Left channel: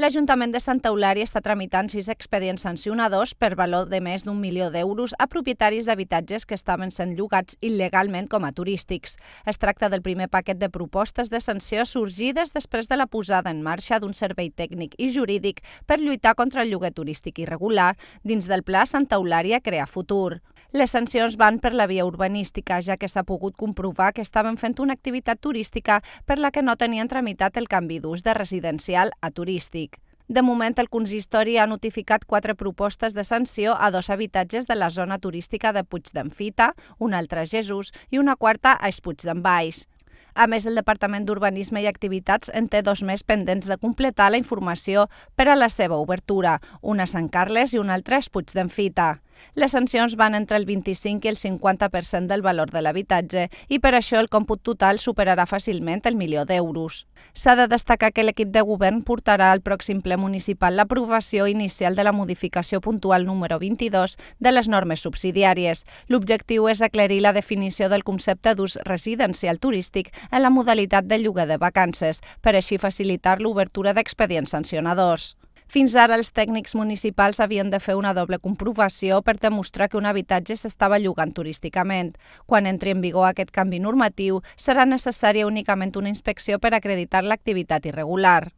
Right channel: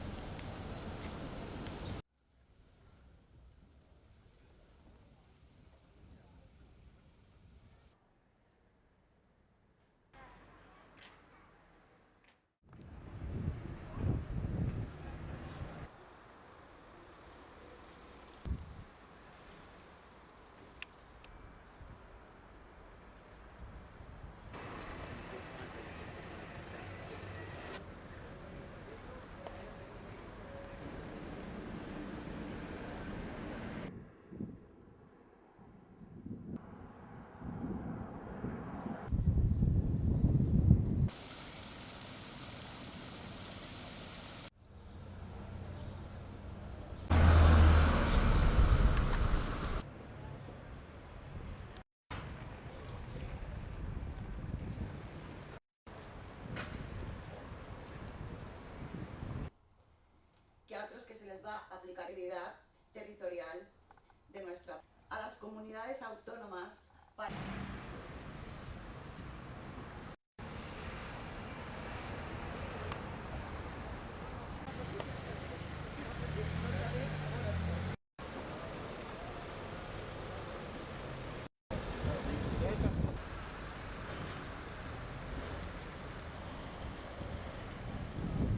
L'Ajuntament de Santa Eulària està tramitant 6 expedients sancionadors per valor de més d'1 milió d'euros a propietaris d'habitatges que estaven sent llogats il·legalment com a turístics. Es tracta del primer paquet de propostes de sanció sorgides després de la posada en marxa d'un servei tècnic i jurídic per lluitar contra el lloguer turístic irregular dins del Pla Santa Eulària Crear Futur. Les sancions van per la via urbanística, ja que s'ha pogut comprovar que estaven fent una activitat turística per la que no tenien tramitat el canvi d'ús de residencial a turístic. De moment, el consistori ha notificat 4 propostes de sanció a 2 habitatges de la zona turística de Puig d'en Fita, una altra a Jesús i una quarta a Puig d'en Baix. A més, el Departament d'Urbanisme i Activitats en té 2 més pendents de completar la informació per a la seva obertura, una a Sant Carles i una altra a Puig d'en Fita. Les sancions van entre el 25 i el 50% del valor de l'habitatge i per això el còmput total superarà fàcilment el milió d'euros. S'ha de destacar que l'equip de govern portarà al pròxim ple municipal l'aprovació inicial de la modificació puntual número 22 de les normes subsidiàries. L'objectiu és aclarir la definició del concepte d'ús residencial turístic en la modalitat de lloguer de vacances, per així facilitar l'obertura d'expedients sancionadors. Fins ara, els tècnics municipals havien de fer una doble comprovació per demostrar que un habitatge s'estava llogant turísticament. Quan entri en vigor aquest canvi normatiu, serà necessària únicament una inspecció per acreditar l'activitat irregular.